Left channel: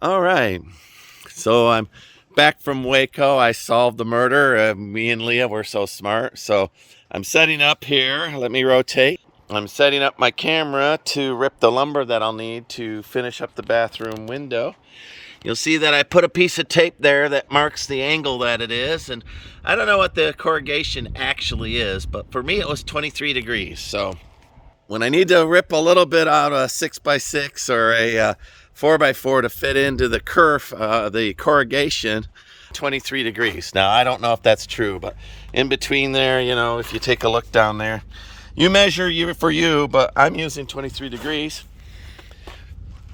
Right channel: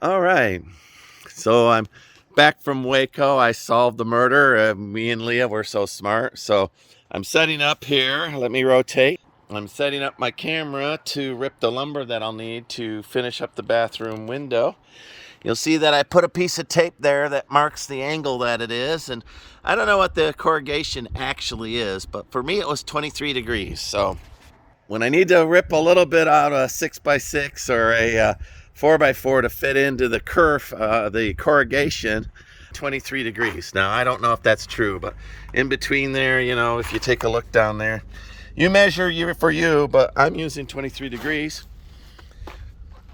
All right. So I'm back from Waco. I solved the murder. Me and Leah were so smart. So I'm setting up here. Let me rotate. I'm setting up my camera to rip the lumber that I'll need to finish up the bathroom window. You'll see that I put a piece of tape there that marks the angle that it is. And I don't know what the corrugation actually is, but for me it was 23 degrees. So when I need to rip a little bit out of a 6x6 or a 4x4 to fit into the curve, the corrugation, 23 degrees. Now, I don't know if that's true, but in between there, you know, if you take a look down there, you measure for you, but I'm using 23 degrees.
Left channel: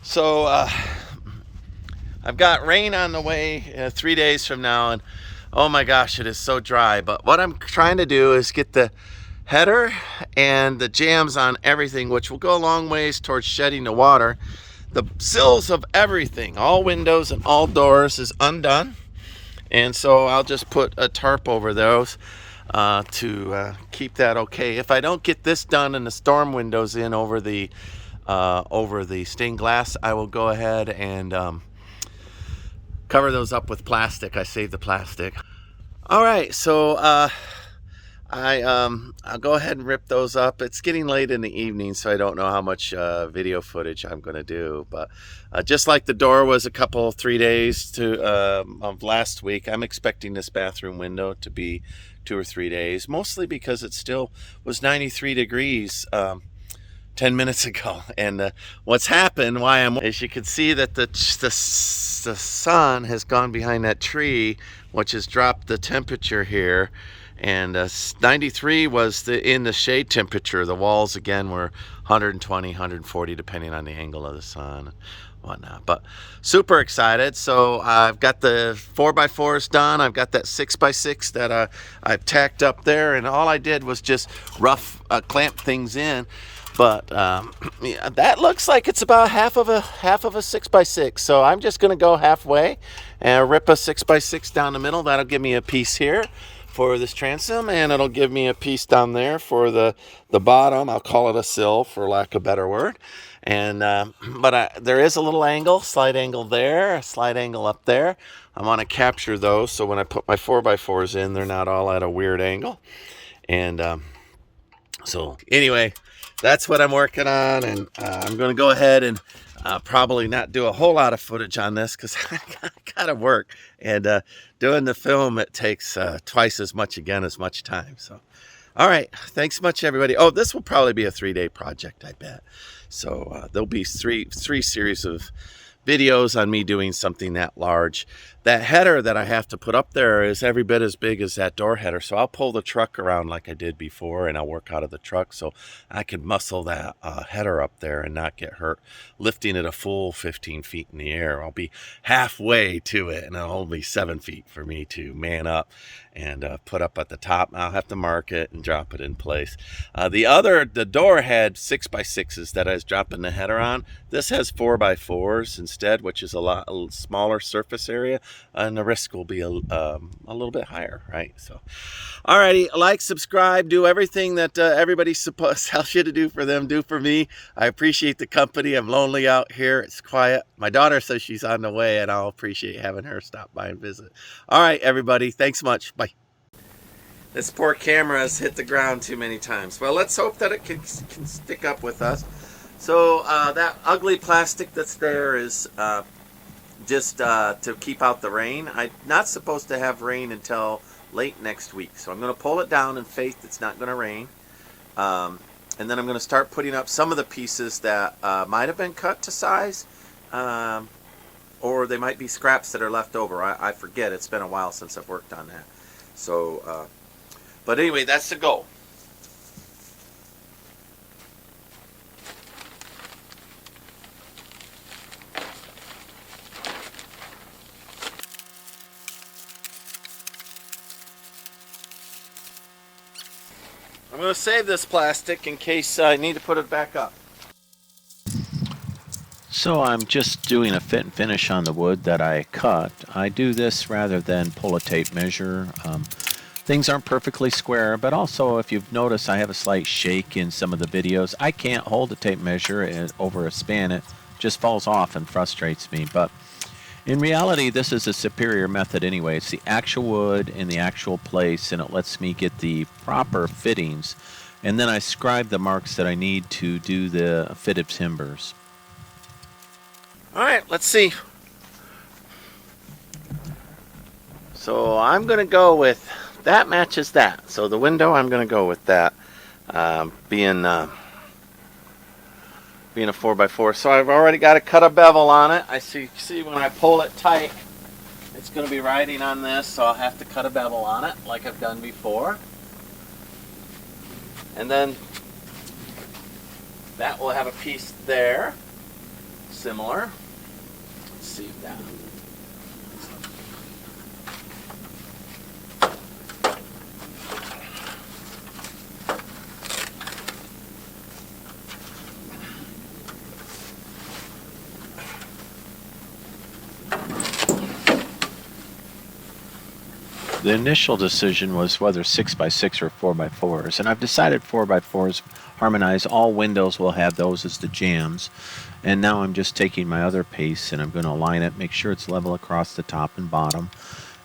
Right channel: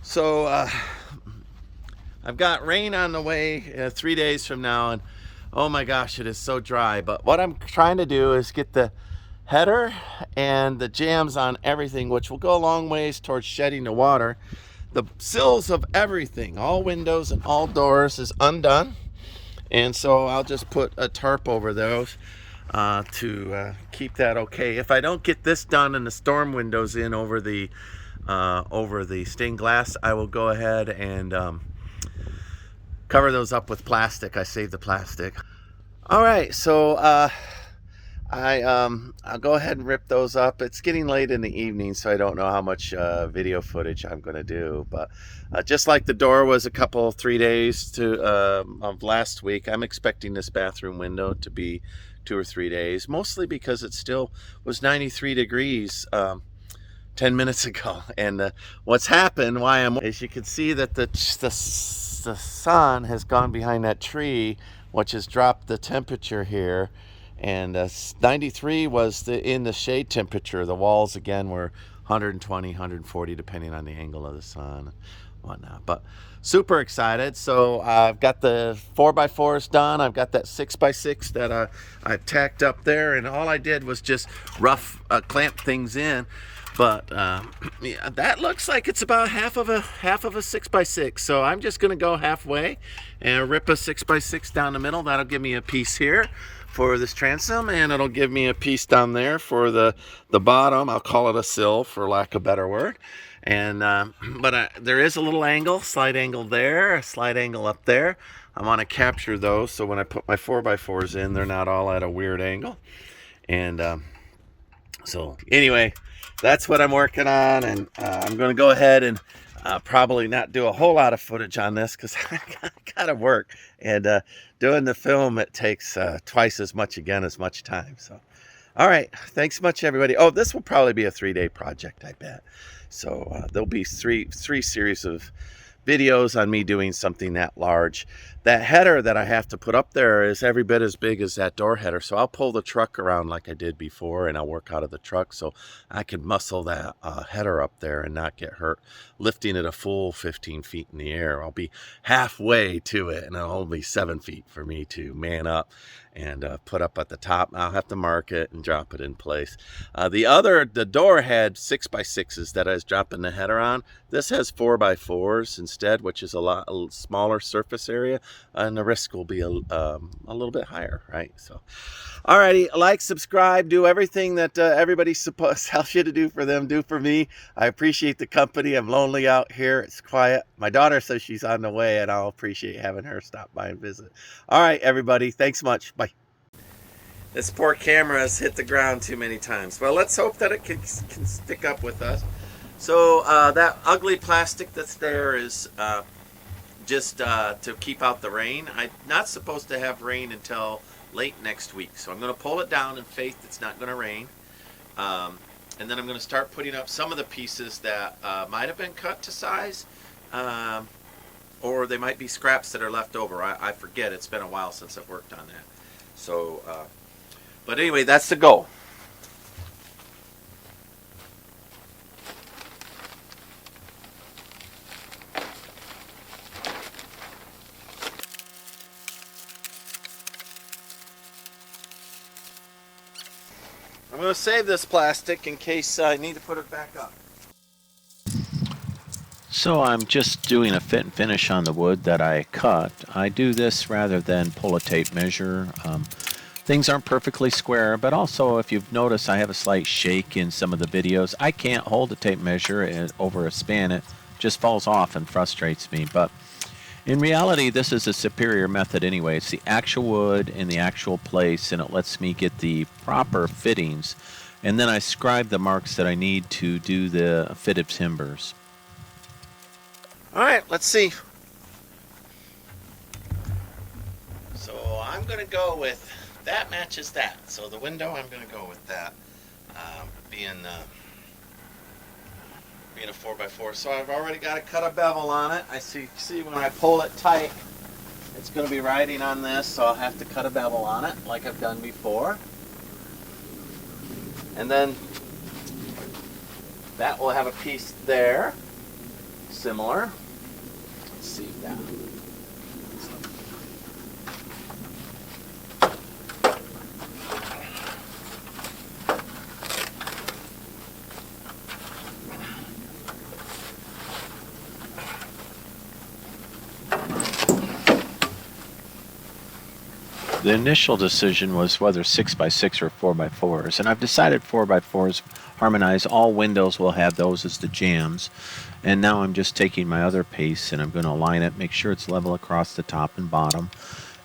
So I've got rain on the way 3 days from now, and oh my gosh, it is so dry. But what I'm trying to do is get the header and the jams on everything, which will go a long ways towards shedding the water. The sills of everything, all windows and all doors, is undone, and so I'll just put a tarp over those to keep that okay. If I don't get this done and the storm windows in over the stained glass, I will go ahead and cover those up with plastic. I saved the plastic. All right, so I'll go ahead and rip those up. It's getting late in the evening, so I don't know how much video footage I'm going to do. But just like the door was 3 days of last week, I'm expecting this bathroom window to be 2 or 3 days, mostly because it still was 93 degrees 10 minutes ago. And what's happened, as you can see that the sun has gone behind that tree, which has dropped the temperature here. And 93 was in the shade temperature. The walls again were 120, 140, depending on the angle of the sun and whatnot. But super excited. So I've got the 4x4s done. I've got that 6x6 that I've tacked up there, and all I did was just rough clamp things in. But yeah, that looks like it's about half of a 6x6. So I'm just going to go halfway and rip a 6x6 down the middle. That'll give me a piece here for this transom, and it'll give me a piece down there for the bottom. I'll call it a sill for lack of a better word. And there is a little angle, slight angle there, a slight angle up there. I want to capture those so when I put my 4x4s in, they're not all at a weird angle. And so anyway, that's what I'm working on, and I'm going to go ahead and probably not do a whole lot of footage on this because I got to work. And doing the film, it takes twice as much time. So, all right. Thanks much, everybody. Oh, this will probably be a 3-day project, I bet. So there'll be three series of videos on me doing something that large. That header that I have to put up there is every bit as big as that door header. So I'll pull the truck around like I did before, and I'll work out of the truck so I can muscle that header up there and not get hurt lifting it a full 15 feet in the air. I'll be halfway to it, and it'll only be 7 feet for me to man up and put up at the top. I'll have to mark it and drop it in place. The door had 6x6s that I was dropping the header on. This has 4x4s instead, which is a smaller surface area, and the risk will be a little bit higher, right? So, alrighty, like, subscribe, do everything that everybody tells you to do for them, do for me. I appreciate the company. I'm lonely out here. It's quiet. My daughter says she's on the way, and I'll appreciate having her stop by and visit. All right, everybody. Thanks much. Bye. This poor camera has hit the ground too many times. Well, let's hope that it can stick up with us. So that ugly plastic that's there is just to keep out the rain. I'm not supposed to have rain until late next week. So I'm going to pull it down in faith it's not going to rain. And then I'm going to start putting up some of the pieces that might have been cut to size. Or they might be scraps that are left over. I forget. It's been a while since I've worked on that. So, but anyway, that's the goal. I'm going to save this plastic in case I need to put it back up. So I'm just doing a fit and finish on the wood that I cut. I do this rather than pull a tape measure. Things aren't perfectly square, but also if you've noticed I have a slight shake in some of the videos. I can't hold a tape measure over a span. It just falls off and frustrates me. But In reality, this is a superior method anyway. It's the actual wood in the actual place, and it lets me get the proper fittings. And then I scribe the marks that I need to do the fitted timbers. All right, let's see. So I'm going to go with that matches that. So the window, I'm going to go with that, being a 4x4. So I've already got to cut a bevel on it. I see when I pull it tight, it's going to be riding on this, so I'll have to cut a bevel on it like I've done before. And then that will have a piece there, similar. Let's see that. The initial decision was whether 6x6 or 4x4s, and I've decided 4x4s harmonize. All windows will have those as the jambs, and now I'm just taking my other piece and I'm going to align it, make sure it's level across the top and bottom,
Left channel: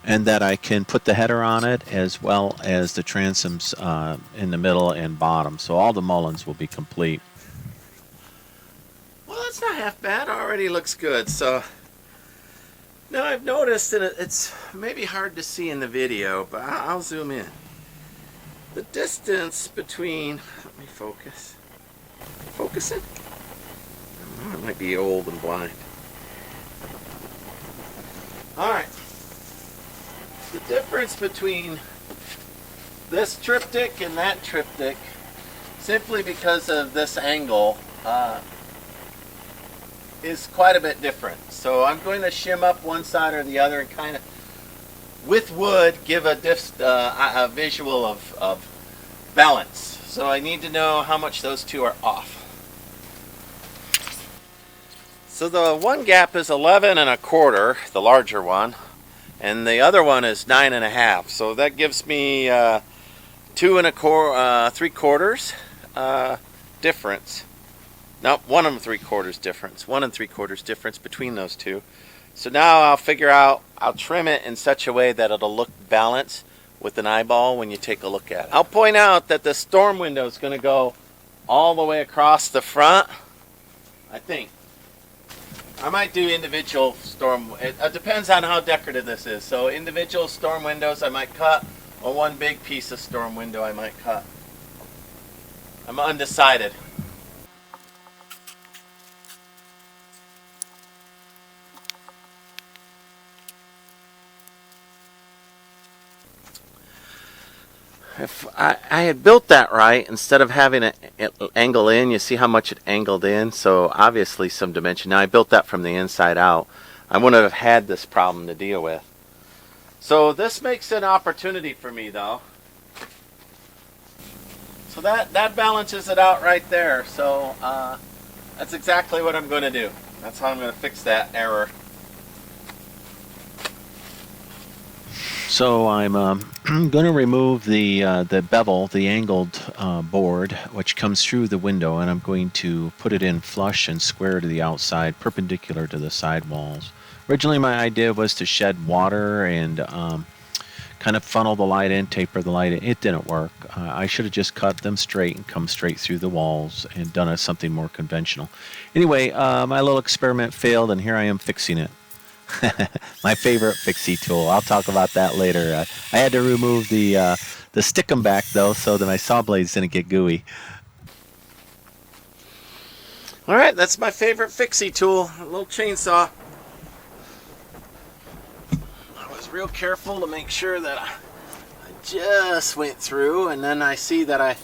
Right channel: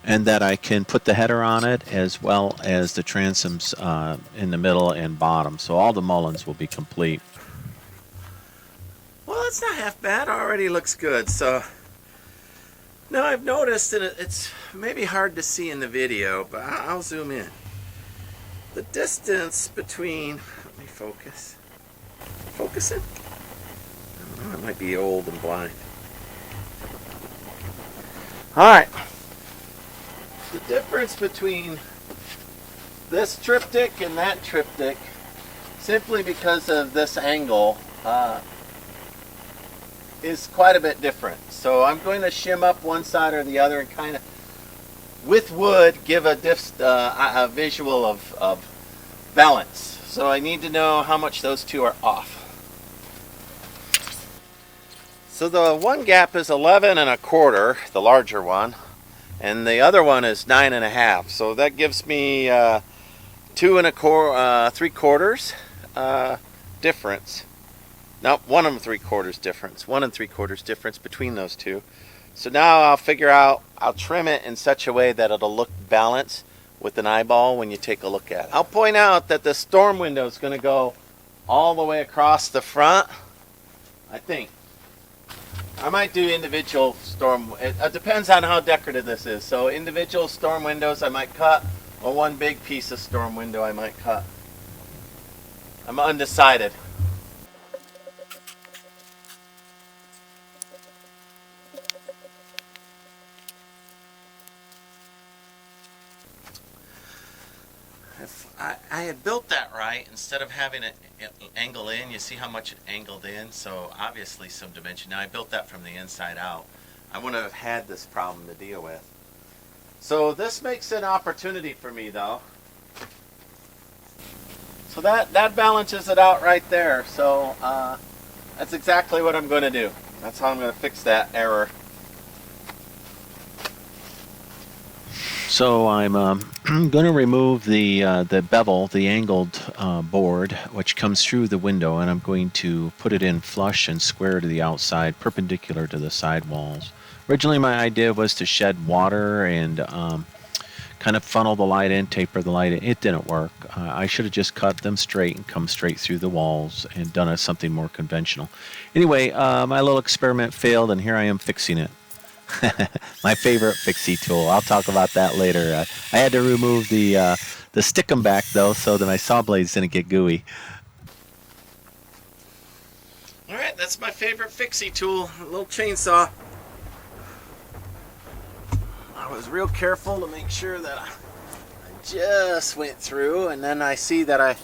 and that I can put the header on it as well as the transoms in the middle and bottom, so all the Mullins will be complete. Well, it's not half bad. Already looks good. So now I've noticed, and it's maybe hard to see in the video, but I'll zoom in. The distance between, let me focus. Focusing? I don't know, I might be old and blind. Alright. The difference between this triptych and that triptych, simply because of this angle, is quite a bit different. So I'm going to shim up one side or the other and kind of, with wood, give a visual of balance. So I need to know how much those two are off. So the one gap is 11 1/4, the larger one, and the other one is 9 1/2. So that gives me 2 3/4 difference. No, 1 3/4 difference. 1 3/4 difference between those two. So now I'll figure out, I'll trim it in such a way that it'll look balanced with an eyeball when you take a look at it. I'll point out that the storm window is going to go all the way across the front, I think. I might do individual storm, it depends on how decorative this is. So individual storm windows I might cut, or one big piece of storm window I might cut. I'm undecided. If I had built that right, instead of having it angle in, you see how much it angled in, so obviously some dimension. Now I built that from the inside out. I wouldn't have had this problem to deal with. So this makes an opportunity for me though. So that balances it out right there. So that's exactly what I'm going to do. That's how I'm going to fix that error. So I'm going to remove the bevel, the angled board, which comes through the window, and I'm going to put it in flush and square to the outside, perpendicular to the side walls. Originally my idea was to shed water and kind of funnel the light in, taper the light in. It didn't work. I should have just cut them straight and come straight through the walls and done something more conventional. Anyway, my little experiment failed, and here I am fixing it. My favorite fixie tool. I'll talk about that later. I had to remove the stickum back though, so that my saw blades didn't get gooey. All right, that's my favorite fixie tool, a little chainsaw. I was real careful to make sure that I just went through, and then I see that I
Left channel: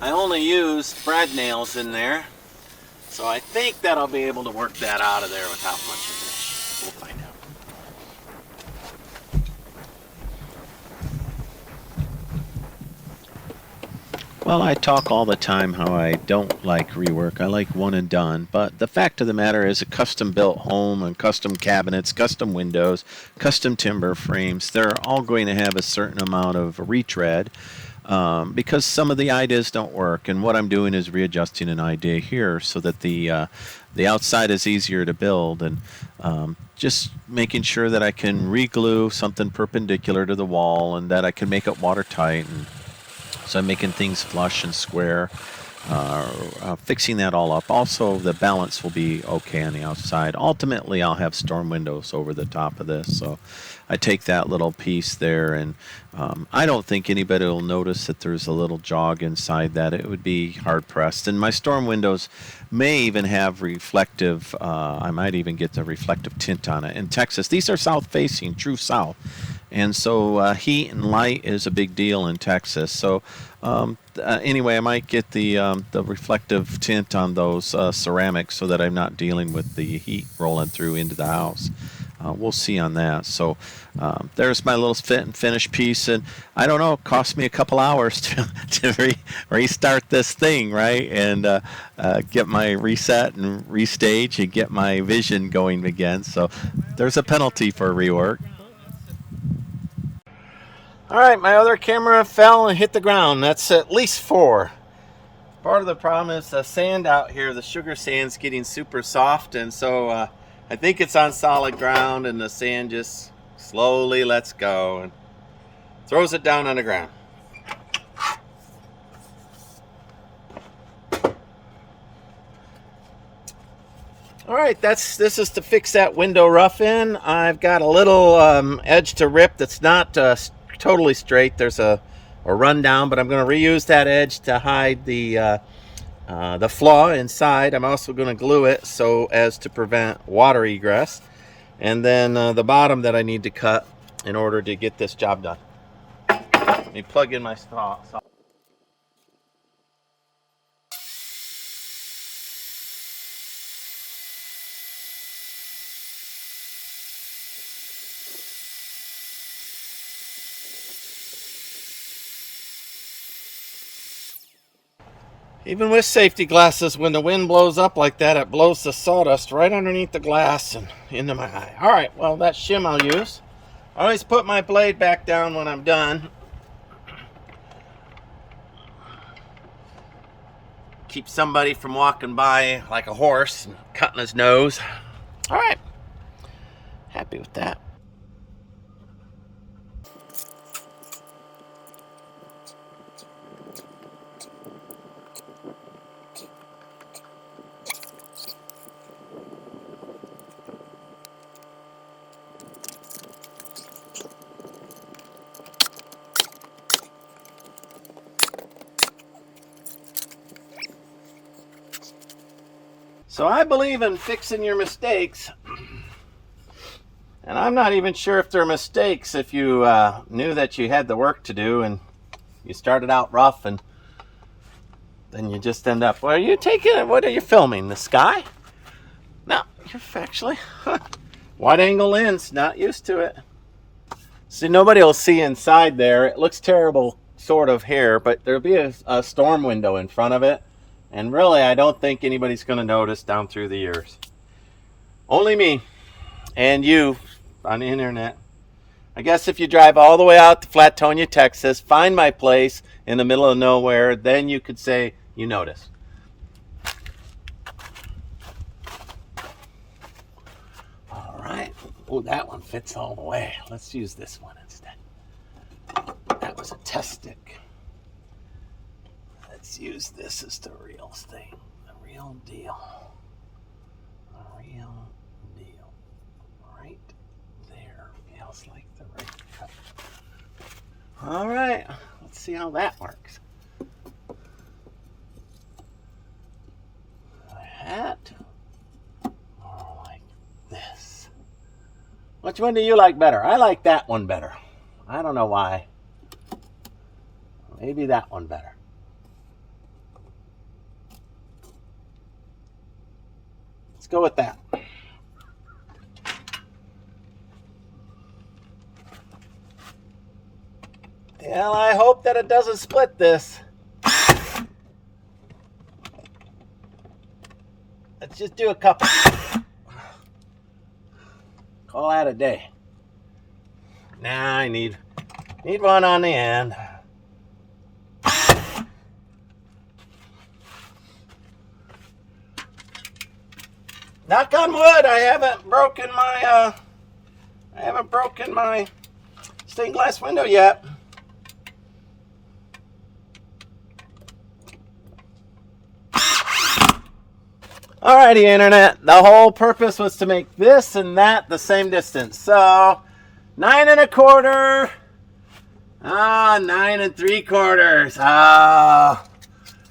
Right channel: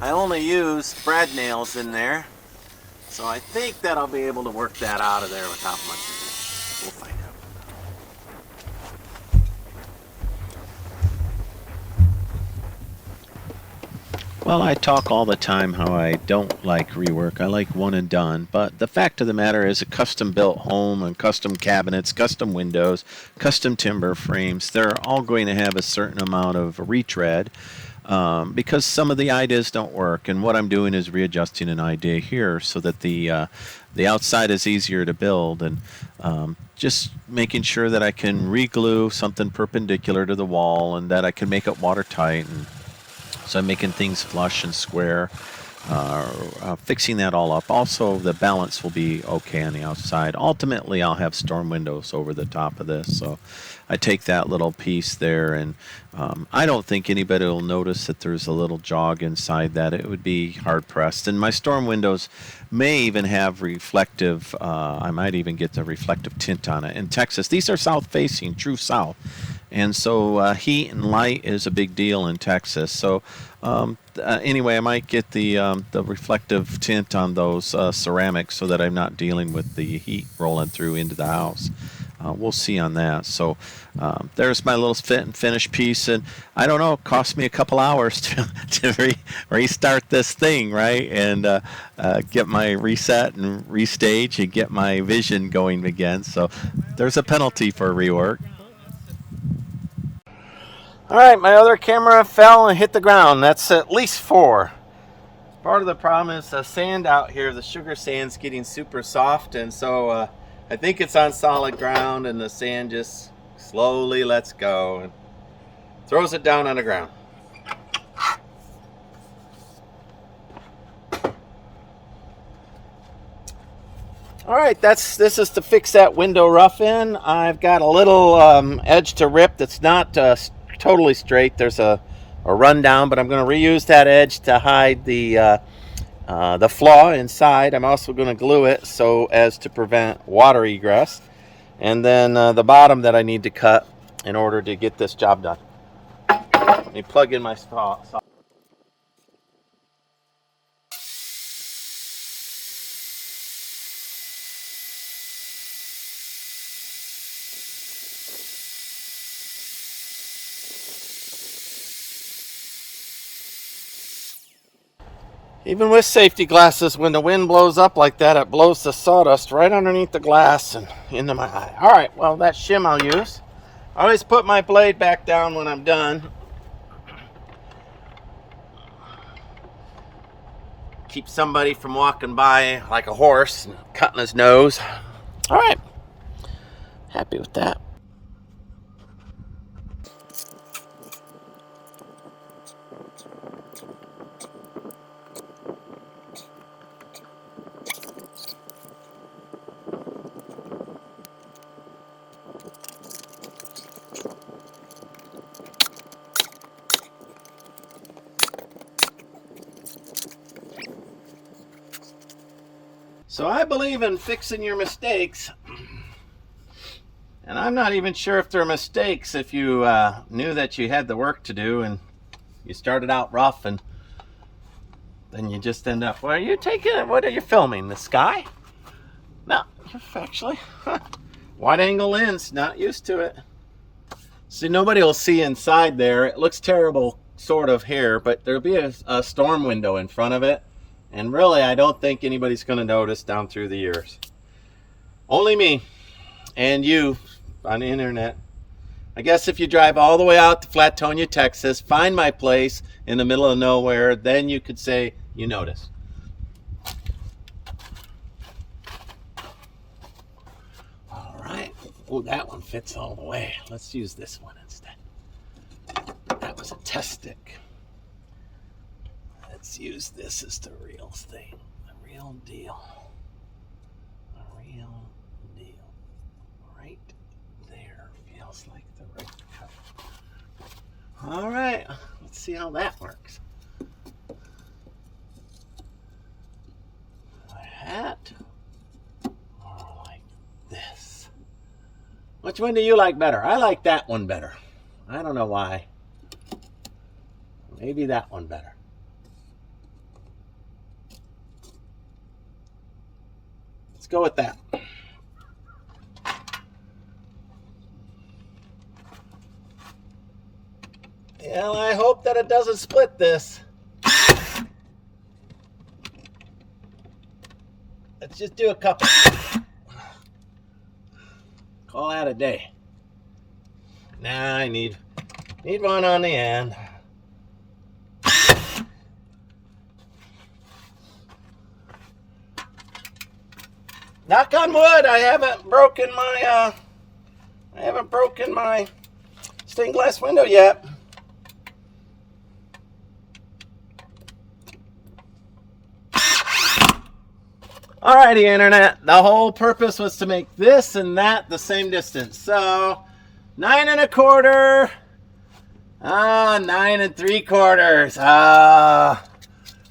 only used brad nails in there, so I think that I'll be able to work that out of there without much of it. We'll find out. Well, I talk all the time how I don't like rework. I like one and done. But the fact of the matter is, a custom built home and custom cabinets, custom windows, custom timber frames, they're all going to have a certain amount of retread. because some of the ideas don't work. And what I'm doing is readjusting an idea here so that the outside is easier to build, and just making sure that I can re-glue something perpendicular to the wall and that I can make it watertight. And so I'm making things flush and square, fixing that all up. Also, the balance will be okay on the outside. Ultimately, I'll have storm windows over the top of this, so I take that little piece there, and I don't think anybody will notice that there's a little jog inside that. It would be hard pressed. And my storm windows may even have reflective, I might even get the reflective tint on it. In Texas, these are south facing, true south. And so heat and light is a big deal in Texas. So anyway, I might get the reflective tint on those ceramics so that I'm not dealing with the heat rolling through into the house. We'll see on that. So there's my little fit and finish piece, and I don't know, it cost me a couple hours to restart this thing, right? And get my reset and restage and get my vision going again. So there's a penalty for rework. All right, my other camera fell and hit the ground. That's at least 4. Part of the problem is the sand out here, the sugar sand's getting super soft, and so I think it's on solid ground, and the sand just slowly lets go and throws it down on the ground. All right, this is to fix that window rough in. I've got a little edge to rip that's not totally straight. There's a rundown, but I'm going to reuse that edge to hide the flaw inside. I'm also going to glue it so as to prevent water egress. And then the bottom that I need to cut in order to get this job done. Let me plug in my saw. Even with safety glasses, when the wind blows up like that, it blows the sawdust right underneath the glass and into my eye. All right, well, that shim I'll use. I always put my blade back down when I'm done. Keep somebody from walking by like a horse and cutting his nose. All right, happy with that. So I believe in fixing your mistakes. And I'm not even sure if they're mistakes if you knew that you had the work to do and you started out rough and then you just end up, well, you taking it, what are you filming, the sky? No, you're actually, wide angle lens, not used to it. See, nobody will see inside there. It looks terrible sort of here, but there'll be a storm window in front of it. And really, I don't think anybody's going to notice down through the years. Only me and you on the internet. I guess if you drive all the way out to Flatonia, Texas, find my place in the middle of nowhere, then you could say you noticed. All right. Oh, that one fits all the way. Let's use this one instead. That was a test stick. Let's use this as the real thing. The real deal. A real deal. Right there. Feels like the right cut. All right. Let's see how that works. That. Or like this. Which one do you like better? I like that one better. I don't know why. Maybe that one better. Let's go with that. And I hope that it doesn't split this. Let's just do a couple. Call that a day. Nah, I need one on the end. knock on wood, I haven't broken my stained glass window yet. Alrighty, internet. The whole purpose was to make this and that the same distance. So 9 1/4. 9 3/4.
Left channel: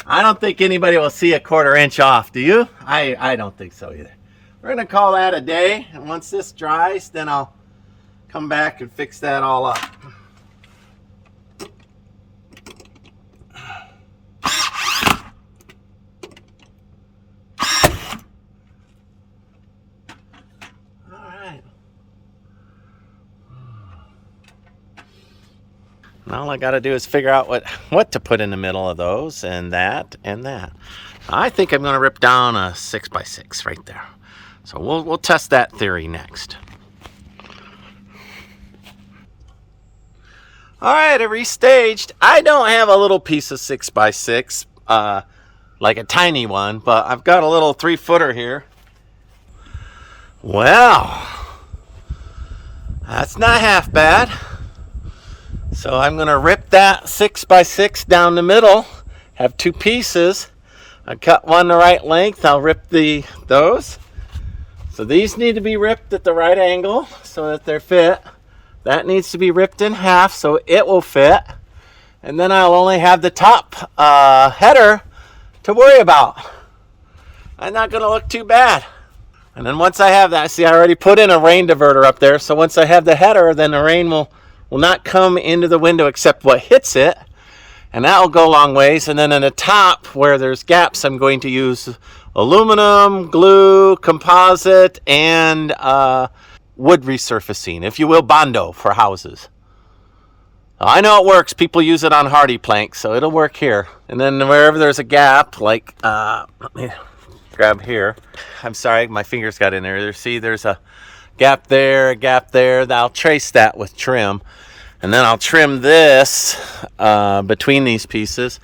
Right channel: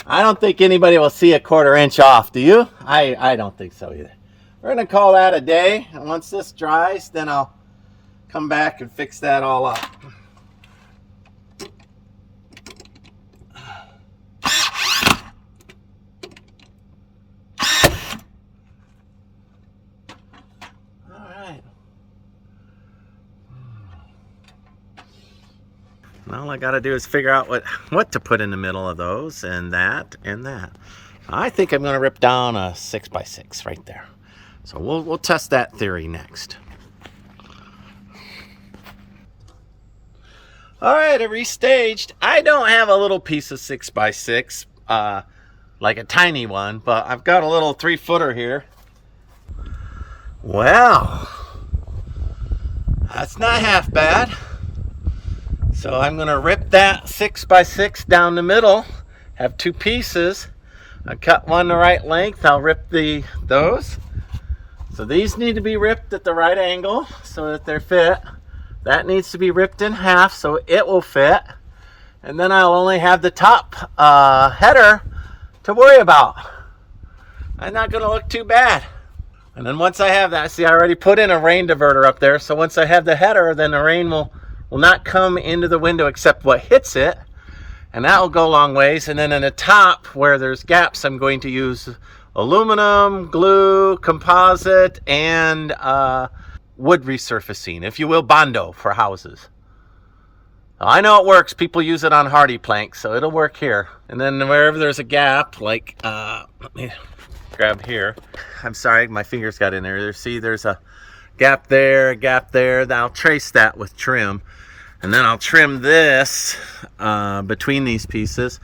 I don't think anybody will see a 1/4 inch off. Do you? I don't think so either. We're gonna call that a day. And once this dries, then I'll come back and fix that all up. And all I got to do is figure out what to put in the middle of those, and that, and that. I think I'm going to rip down a 6x6 right there. So we'll test that theory next. All right, I restaged. I don't have a little piece of 6x6, like a tiny one, but I've got a little 3-footer here. Wow, that's not half bad. So I'm going to rip that 6x6 down the middle, have 2 pieces. I cut one the right length, I'll rip those. So these need to be ripped at the right angle so that they're fit. That needs to be ripped in half so it will fit. And then I'll only have the top header to worry about. I'm not going to look too bad. And then once I have that, see, I already put in a rain diverter up there. So once I have the header, then the rain will not come into the window except what hits it, and that will go a long ways. And then in the top where there's gaps, I'm going to use aluminum, glue, composite, and wood resurfacing, if you will, Bondo for houses. I know it works. People use it on hardy planks, so it'll work here. And then wherever there's a gap, like let me grab here. I'm sorry, my fingers got in there. See, there's a gap there, a gap there. I'll trace that with trim. And then I'll trim this between these pieces.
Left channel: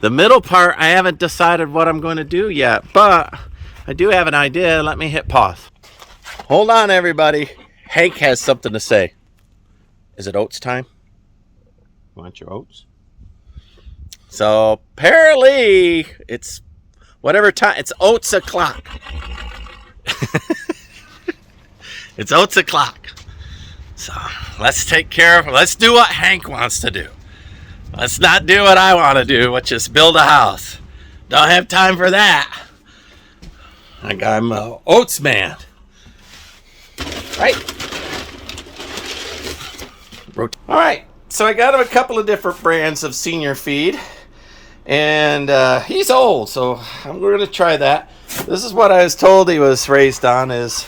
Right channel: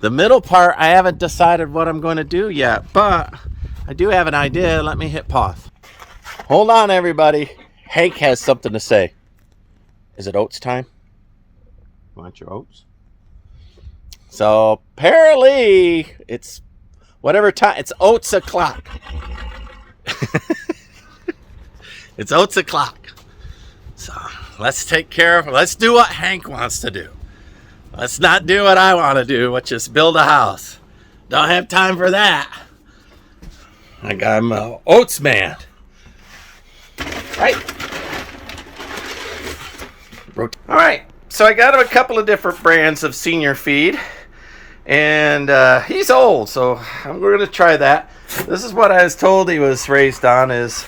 The middle part, I haven't decided what I'm going to do yet, but I do have an idea. Let me hit pause. Hold on, everybody. Hank has something to say. Is it oats time? You want your oats? So apparently it's whatever time. It's oats o'clock. It's oats o'clock. So let's take care of it. Let's do what Hank wants to do. Let's not do what I want to do, which is build a house. Don't have time for that. I'm an oats man. Right? All right. So I got him a couple of different brands of senior feed. And he's old, so we're going to try that. This is what I was told he was raised on, is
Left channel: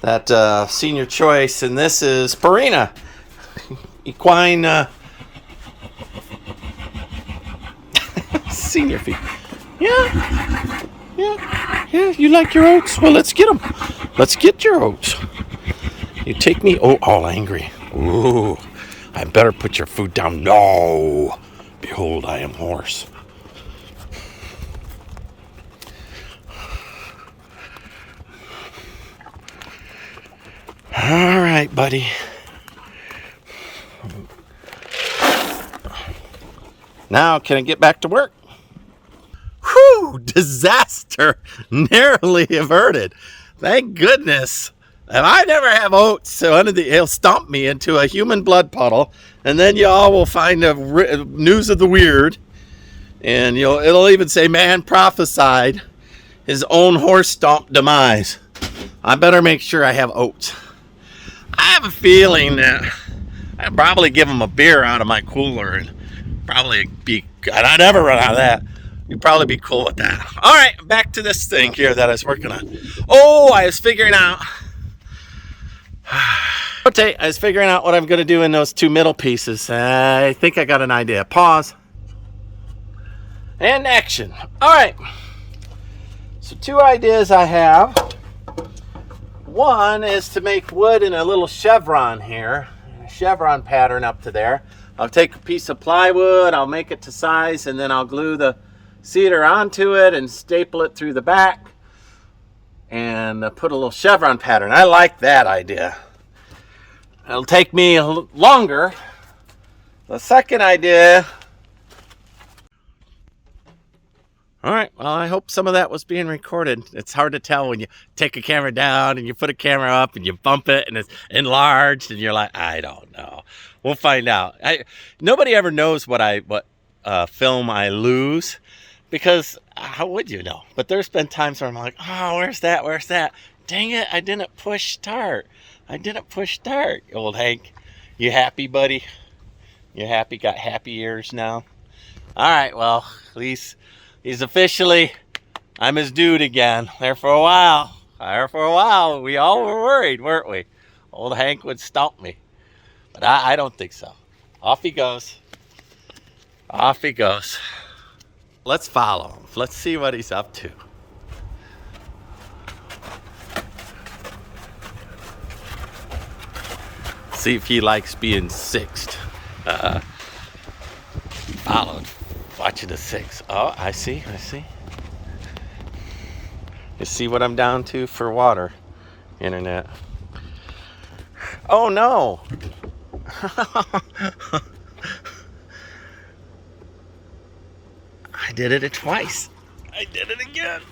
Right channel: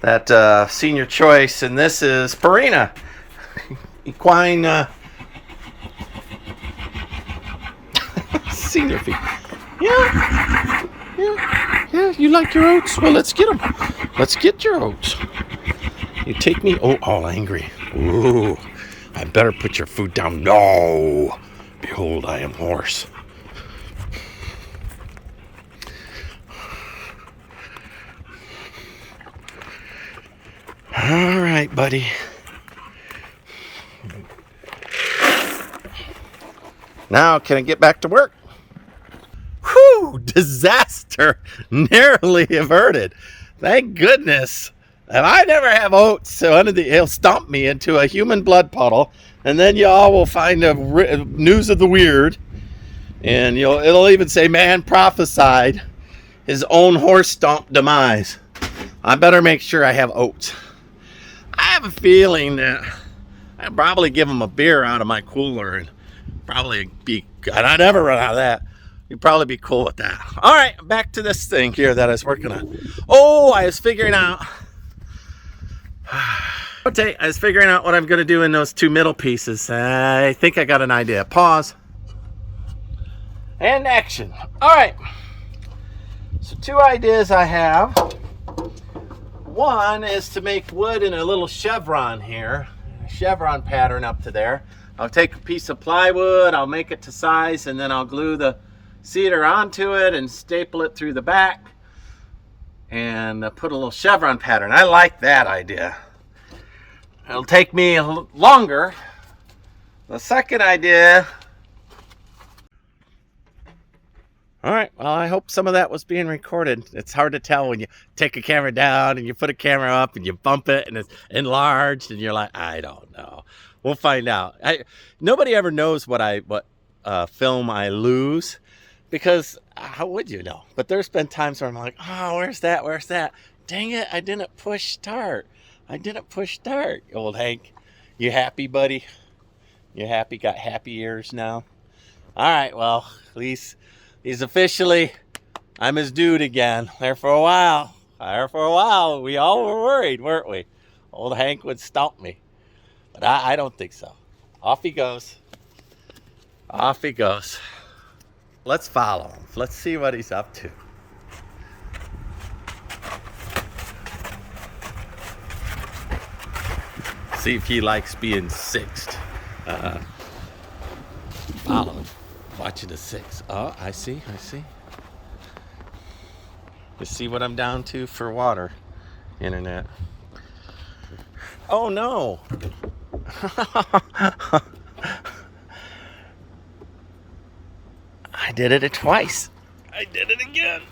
that senior choice, and this is Purina equine senior feed. Yeah, you like your oats? Well, let's get them. Let's get your oats. You take me all angry. Ooh, I better put your food down. No, behold, I am horse. All right, buddy. Now, can I get back to work? Whew, disaster narrowly averted. Thank goodness. And I never have oats, so he'll stomp me into a human blood puddle, and then y'all will find a news of the weird, and it'll even say, man prophesied his own horse stomp demise. I better make sure I have oats. I have a feeling that I'd probably give him a beer out of my cooler and probably be, and I never run out of that. You'd probably be cool with that. All right, back to this thing here that I was working on. Oh, I was figuring out what I'm going to do in those 2 middle pieces. I think I got an idea. Pause. And action. All right. So 2 ideas I have. One is to make wood in a little chevron here. A chevron pattern up to there. I'll take a piece of plywood, I'll make it to size, and then I'll glue the cedar onto it and staple it through the back. and put a little chevron pattern. I like that idea. It'll take me a little longer. The second idea. All right, well, I hope some of that was being recorded. It's hard to tell when you take a camera down and you put a camera up and you bump it and it's enlarged and you're like, I don't know. We'll find out. Nobody ever knows what film I lose, because how would you know? But there's been times where I'm like, oh, where's that? Where's that? Dang it, I didn't push start. Old Hank. You happy, buddy? You happy? Got happy ears now? All right, well, at least he's officially, I'm his dude again. There for a while. We all were worried, weren't we? Old Hank would stomp me. But I don't think so. Off he goes. Let's follow him. Let's see what he's up to. See if he likes being sixth. Followed. Watching the six. Oh, I see. You see what I'm down to for water, internet. Oh no. I did it twice. I did it again.